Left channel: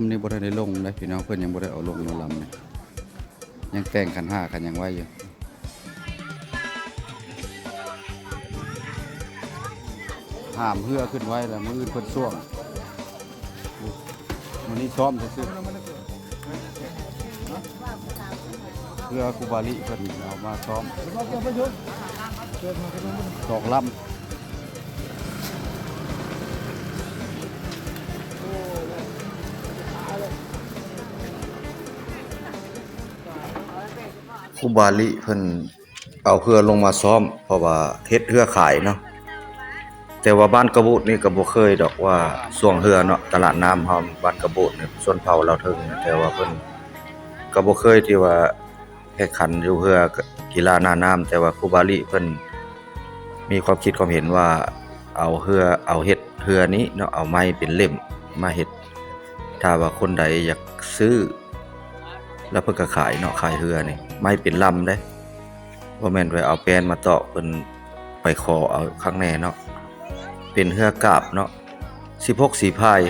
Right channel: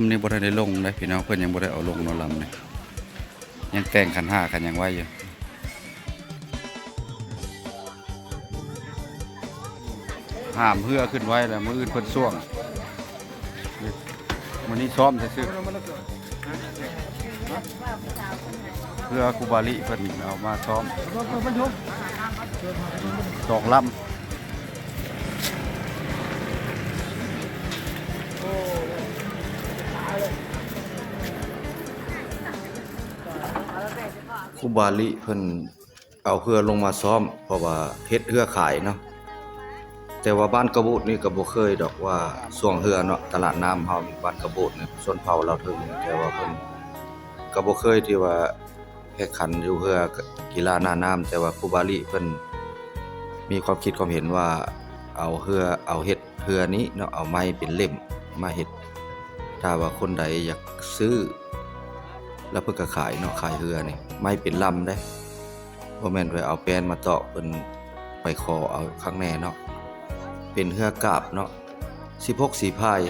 ำนี่บ่ได้ลงเลยพี่น้องเพิ่นยังบ่ได้เอาลงนอลำนี่ยังแต่งขันห้ากันยังไว้อยู่ห้ามเพื่อขึ้นไว้แล้วมื้ออื่นเพิ่นส่วงมื้อนี้ซ้อมซื่อเพื่อครูบาลิเพิ่นเอามาซ้อมสองลำครูบาลิเพิ่นเอาเพื่อลงมาซ้อมเพราะว่าเฮ็ดเพื่อขายเนาะแต่ว่าบ้านกระบุนี่ก็บ่เคยดอกว่าช่วงเรือเนาะตลาดน้ำเฮาบ้านกระบุนี่ส่วนเผาเราถึงแต่ว่าเพิ่นก็บ่เคยที่ว่าแข่งขันอยู่เรือกีฬาหน้าน้ำแต่ว่าครูบาลิเพิ่นมีความคิดความเห็นว่าเอาเฮ็ดเรือนี้เนาะเอาไม้เป็นเล่มมาเฮ็ดถ้าว่าคนใดอยากซื้อแล้วเพิ่นก็ขายเนาะขายเรือนี่ไม้เป็นลำได้บ่แม่นไปเอาแป้นมาตอกเพิ่นไปขอเอาข้างในเนาะเป็นเรือกาบเนาะ16สีพาย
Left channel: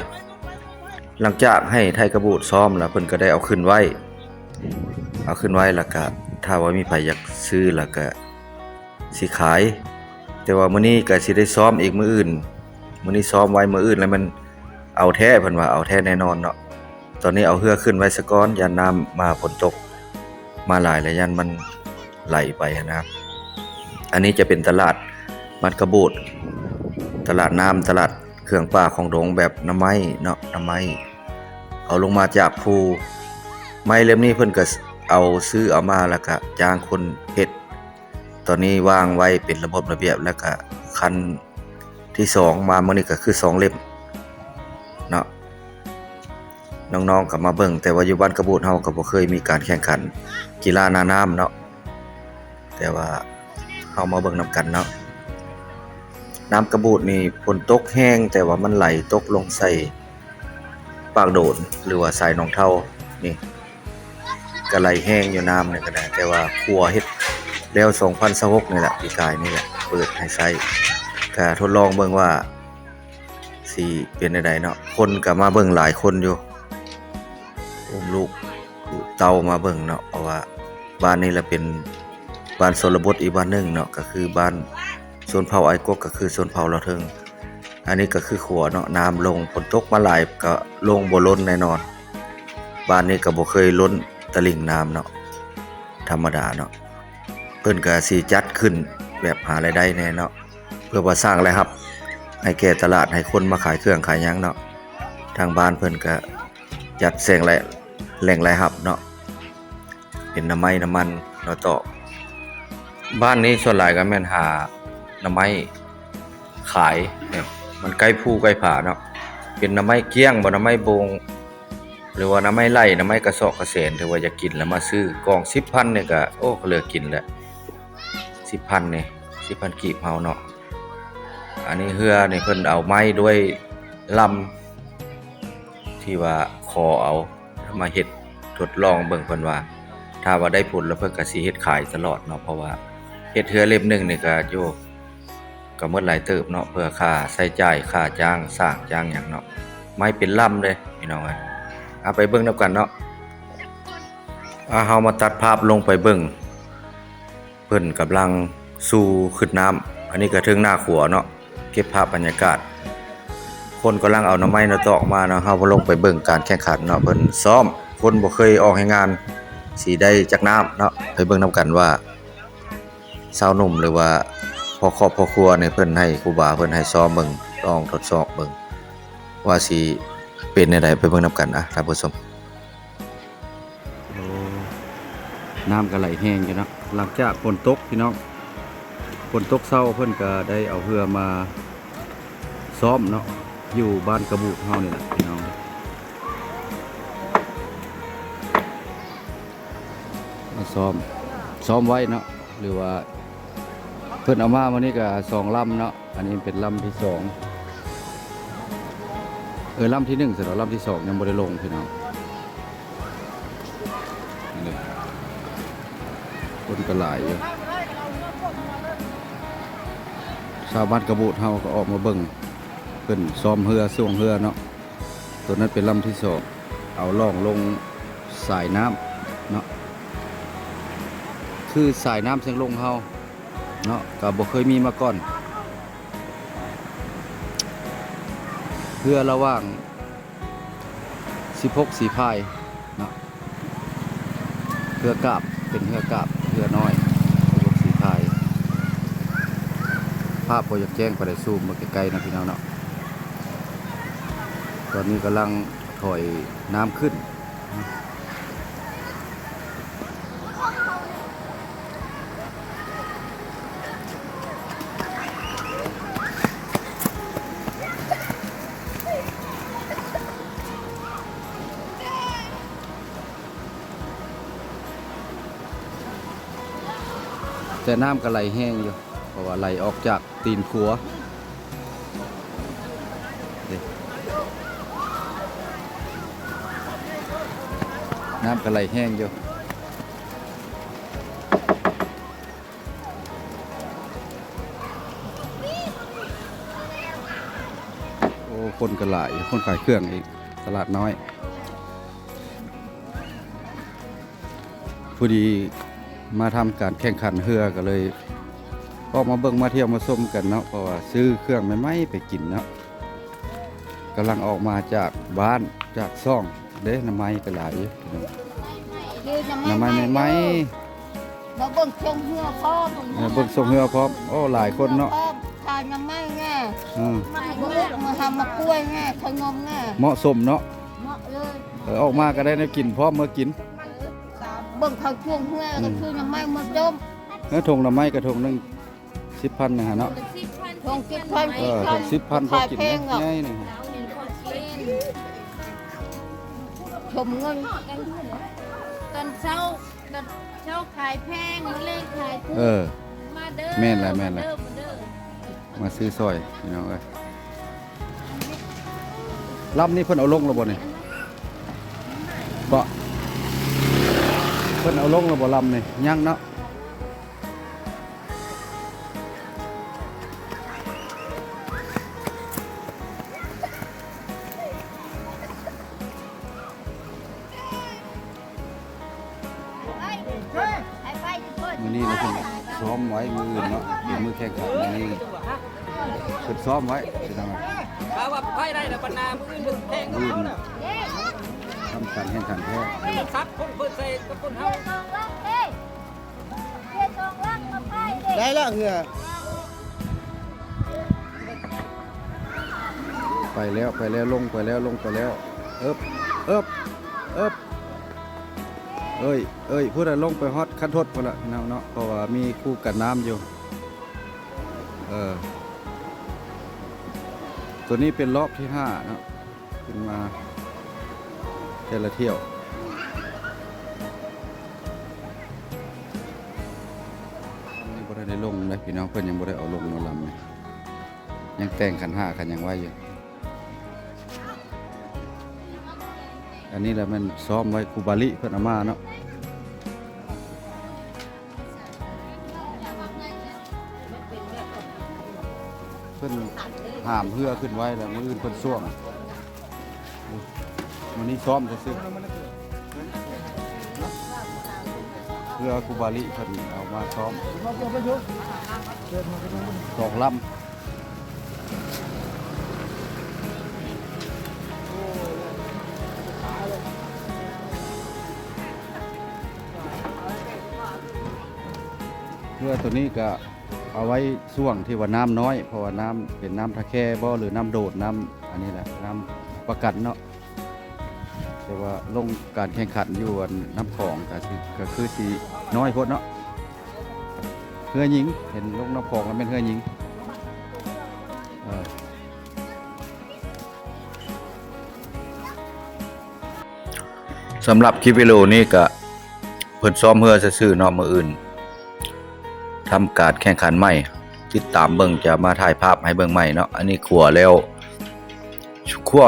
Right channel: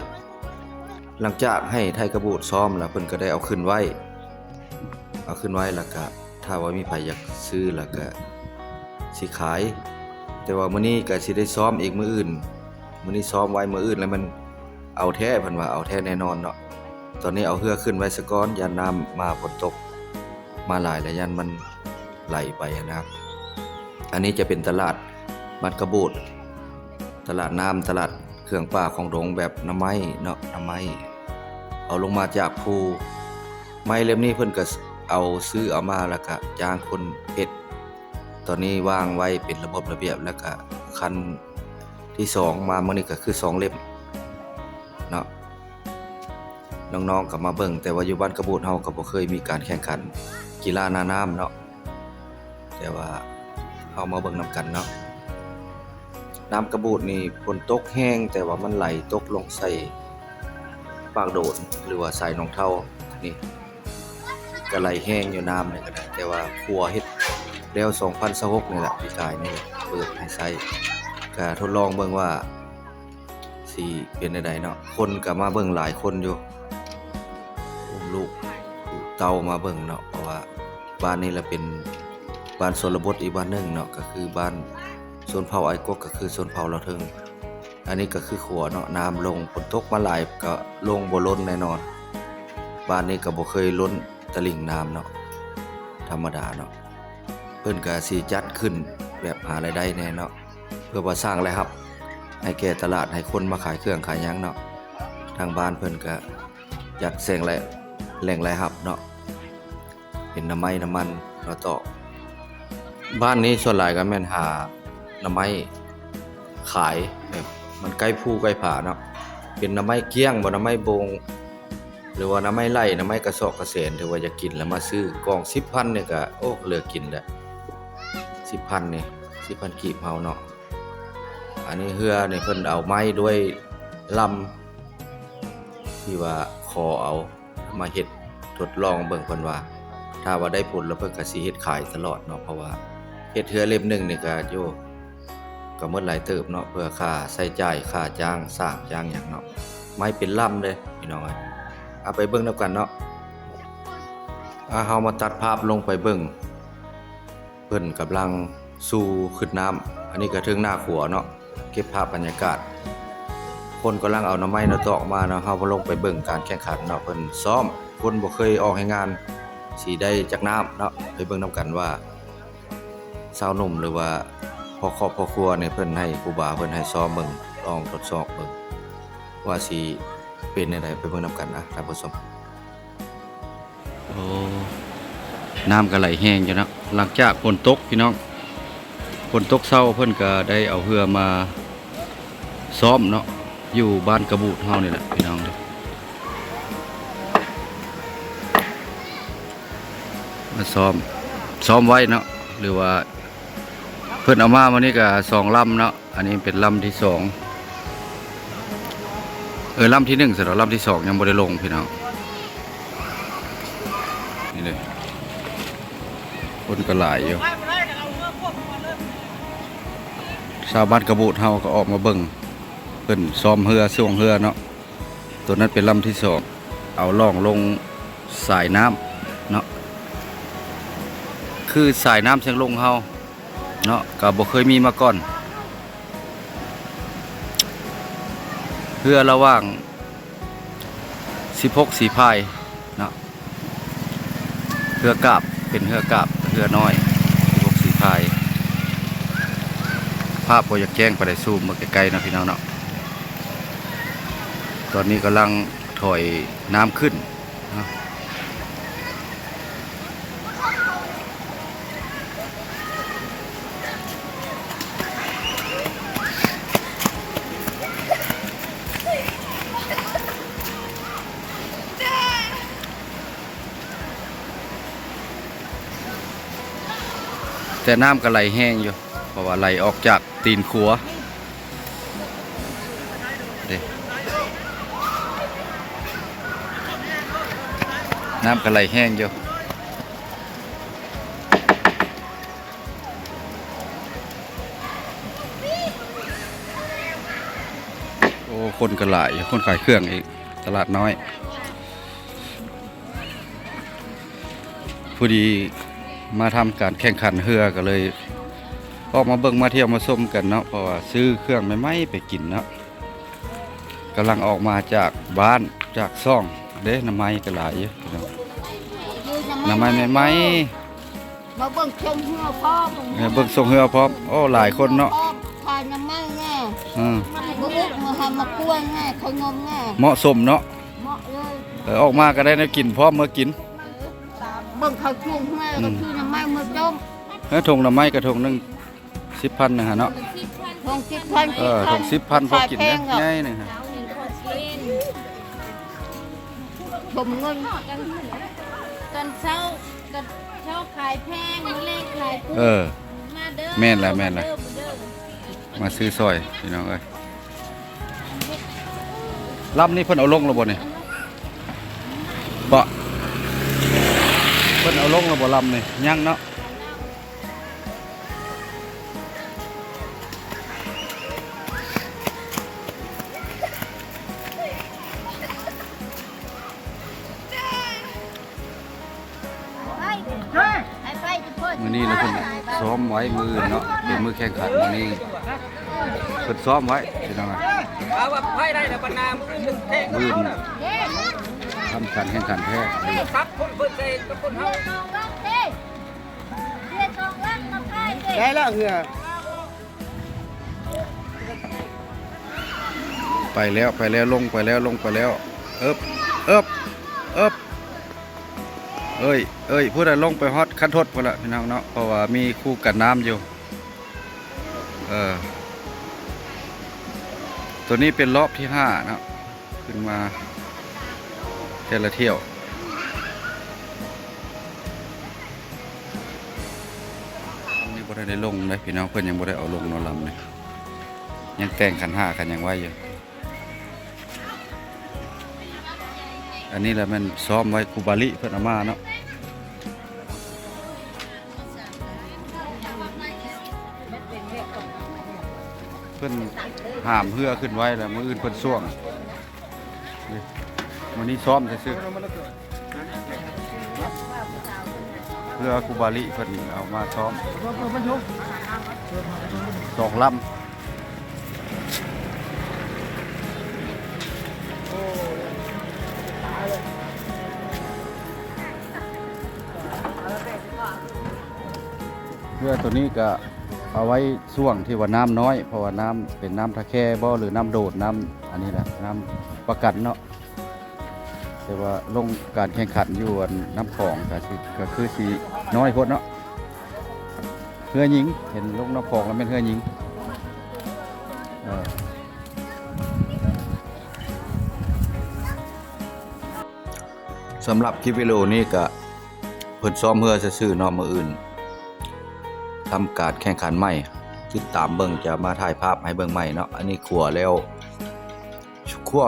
หลังจากให้ไทยกระบูดซ้อมแล้วเพิ่นก็ได้เอาขึ้นไว้แล้วก็ถ้าว่ามีไผอยากซื้อแล้วก็สิขายแต่ว่ามื้อนี้ก็สิได้ซ้อมอีกมื้ออื่นมื้อนี้ซ้อมไว้มื้ออื่นแล้วมันเอาแท้เพิ่นว่าเอาแท้แน่นอนเนาะตอนนี้เอาเรือขึ้นไว้ซะก่อนยามน้ำมาฝนตกมาหลายแล้วยันมันไหลไปนะครับอันนี้จะเป็นตลาดมัดกระบูดตลาดน้ำตลาดเครื่องป่าของดงแบบน้ำไม้เนาะน้ำไม้เอาลงมาจากภูไม้เล่มนี้เพิ่นก็เอาซื้อเอามาแล้วก็จ้างคนเฮ็ดตอนนี้วางไว้เป็นระบบระเบียบแล้วก็คันที่2มามื้อนี้ก็คือ2เล่มเนาะน้องๆก็มาเบิ่งแต่ว่าอยู่บ้านกระบูดเฮาก็บ่เคยมีการแข่งขันกีฬาหน้าน้ำเนาะแต่ว่าเฮามาเบิ่งนำกันเนาะน้ำกระบูดนี่ฝนตกแห้งแต่ว่ามันไหลตกลงใส่ปากโดนหรือว่าสายหนองเท่านี่ก็ไหลแห้งอยู่น้ำนี่ก็ได้แต่ว่าครัวเฮ็ดแล้ว2026นี่แหละปีกายนี่แหละเปิดให้ใช้ก็ทดลองเบิ่งว่าสิเป็นจังไดเนาะคนก็มาเบิ่งหลายคนอยู่ลูกเต่ามาเบิ่งเนาะเพราะว่าบ้านนี้ละเป็นบ้านชนบทอีกบ้านนึงเนาะก็คือบ้านชนเผ่าไอ้กกก็คือชนเผ่าเราเทิงอันนี้ก็คือขัวเนาะน้ำลงฝนตกมาหลายก็ลงบ่ล้นแน่นอนบ้านนี้ก็บ่เคยล้นตลิ่งน้ำเนาะธรรมดาเนาะเพิ่นก็สิจัดขึ้นแบบหารายได้แน่เนาะเพื่อว่าสร้างรายรับให้แก่ตลาดให้คนมาขายเครื่องขายหยังเนาะทางบ้านเพิ่นก็จัดแสงแหล่งรายรับเนาะเป็นน้ำมันแล้วต่อบ้านนี้ส่วนหลายก็แม่นหาน้ำไม้ขายแบบมันใกล้ภูใกล้ผาเนาะเป็นน้ำไม้เกี้ยงบ่น้ำไม้บงหรือว่าน้ำไม้ไร่น้ำไม้กระสอบกระเสนถือว่าอยากกินแล้วมาซื้อกล่อง 10,000 นี่ก็โอ้ก็เหลือกินแล้ว 10,000 นี่ 10,000 กีบเฮาเนาะอันนี้เฮือนี่เพิ่นเอาไม้ด้วยลำที่ว่าคอเอามาเฮ็ดทดลองเบิ่งเพิ่นว่าถ้าว่าได้ผลแล้วเพิ่นก็สิเฮ็ดขายตลอดเนาะเพราะว่าเฮ็ดเฮือเล่มนึงนี่ก็อยู่ก็หมดหลายเติบเนาะเพื่อค่าใช้จ่ายค่าจ้างสร้างจ้างหยังเนาะไม้เป็นลำเลยพี่น้องเอ้ยเอาไปเบิ่งนำกันเนาะเฮามาตัดภาพลงไปเบิ่งเพิ่นกำลังสู่ขึ้นน้ำอันนี้ก็ถึงหน้าขัวเนาะเก็บภาพบรรยากาศคนกำลังเอาหน่อไม้หน่อตอกมาเนาะเฮาบ่ลงไปเบิ่งการแข่งขันเนาะเพิ่นซ้อมคนบ่เคยออกให้งานสิได้จักน้ำเนาะไปเบิ่งนำกันว่าสาวหนุ่มหรือว่าพ่อครอบพ่อครัวเนี่ยเพิ่นให้ครูบาเพิ่นให้ซ้อมเบิ่งลองทดสอบเบิ่งว่าสิเป็นจังได๋ไปเบิ่งนำกันนะท่านผู้ชมโอ้น้ำก็ไหลแห้งอยู่เนาะหลังจากฝนตกพี่น้องฝนตกเช้าเพิ่นก็ได้เอาเรือมาซ้อมเนาะอยู่บ้านกระบูดเฮานี่แหละพี่น้องมาซ้อมไว้เนาะหรือว่าเพิ่นเอามาวันนี้ก็2ลำเนาะอันนี้เป็นลำที่2ลำที่1เสร็จแล้วลำที่2ยังบ่ได้ลงพี่น้องนี่เลยคนก็หลายอยู่ชาวบ้านกระบูดเฮาก็ออกมาเบิ่งเพิ่นซ้อมเรือส่วงเรือเนาะตัวนั้นเป็นลำที่2 เอาล่องลงสายน้ำเนาะคือสายน้ำเชียงลงเฮาเนาะก็บ่เคยมีมาก่อนเพื่อระหว่าง16สีพายเนาะเรือกาบเป็นเรือกาบเรือน้อย16สีพายภาพบ่อยากแจ้งไปได้ซูมมาใกล้ๆนะพี่น้องเนาะตอนนี้กำลังถอยน้ำขึ้นนะแต่น้ำก็ไหลแห้งอยู่เพราะว่าไหลออกจากตีนขัวน้ำก็ไหลแห้งอยู่โอ้คนก็หลายคนขายเครื่องอีกตลาดน้อยพอดีมาทำการแข่งขันเรือก็เลยออกมาเบิ่งมาเที่ยวมาชมกันเนาะเพราะว่าซื้อเครื่องใหม่ๆไปกินเนาะกำลังออกมาจากบ้านจากซ่องเด้น้ำไม้ก็หลายอยู่น้ำไม้ใหม่มาเบิ่งชมเหือพ่อๆเบิ่งส่งเรือพร้อมโอ้หลายคนเนาะทานน้ำไม้แง่มาบุกมาทำมากล้วยแง่ขนมแง่เหมาะสมเนาะเหมาะเลยออกมาก็ได้แนวกินพร้อมเมื่อกินเบิ่งเขาช่วงแม่ก็คือน้ำไม้มาจมแล้วถุงน้ำไม้กระทงนึง10,000นะฮะเนาะถุง10,000ถุง10,000พอกินนะง่ายนะฮะชมเงินตอนเช้าขายแพงมาเล่นขายกุ้งมาเด้อแม่นละมาซื้อซอยพี่น้องเอ้ยลำนี่เพิ่นเอาลงแล้วบ่นี่บ่เพิ่นเอาลงแล้วบ่ลำนี่ยังเนาะมื้อนี้นะเพิ่นซ้อมไว้มื้ออื่นเนาะเป็นมื้อแข่งขันมื้อนี้เพิ่นซ้อมไว้พี่น้องมื้ออื่นทำการแข่งขันแท้ได้ละเหือไปแล้วลงไปแล้วเอิบเอ้ยพูดอะไรลงไปฮอตขั้นทดพอละพี่น้องเนาะเพราะว่ามีคู่กันน้ำอยู่ตัวนี้เป็นรอบที่5นะขึ้นมาเทละเที่ยวนี่บ่ได้ลงเลยพี่น้องเพิ่นยังบ่ได้เอาลงนอนลำเลยยังแต่งขัน5กันยังไว้อยู่อันนี้แหละมันซ้อมไว้คูบาลิเพิ่นเอามาเนาะเพิ่นห้ามเพื่อขึ้นไว้แล้วมื้ออื่นเพิ่นซ่วงมื้อนี้ซ้อมซื่อเพื่อคูบาลิเพิ่นเอามาซ้อม2 ลำเพื่อตัวนี้ก็เอาไว้ช่วงที่ว่าน้ำน้อยเพราะว่าน้ำเป็นน้ำทะแคบ่หรือน้ำโดดน้ำอันนี้แหละน้ำประกันเนาะแต่ว่าลงการแข่งขันอยู่น้ำของก็คือสีน้อยโพดเนาะเฮือหญิงเห็นลงน้ำของแล้วเป็นเฮือหญิงสำหรับคลิปวิดีโอนี้ก็เพิ่นซ้อมเฮือซื่อๆเนาะมื้ออื่นทำการแข่งขันใหม่ติดตามเบิ่งจะมาถ่ายภาพให้เบิ่งใหม่เนาะอันนี้ขัวแล้วขัว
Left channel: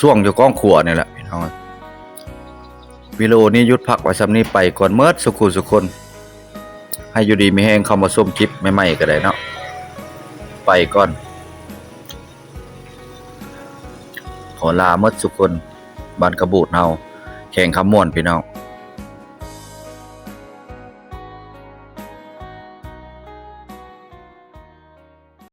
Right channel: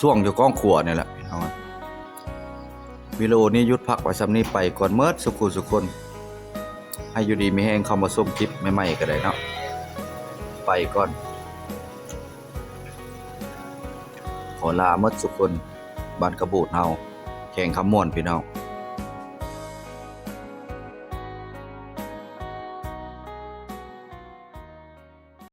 ช่วงอยู่ก้องขัวนี่แหละพี่น้องวิดีโอนี้หยุดพักไว้สำนี้ไปก่อนเมิดสุคนให้อยู่ดีมีแห้งเข้ามาชมคลิปใหม่ๆก็ได้เนาะไปก่อนขอลาเมิดสุคน บ้านกระบูดเฮาแข่งคำม่วนพี่น้อง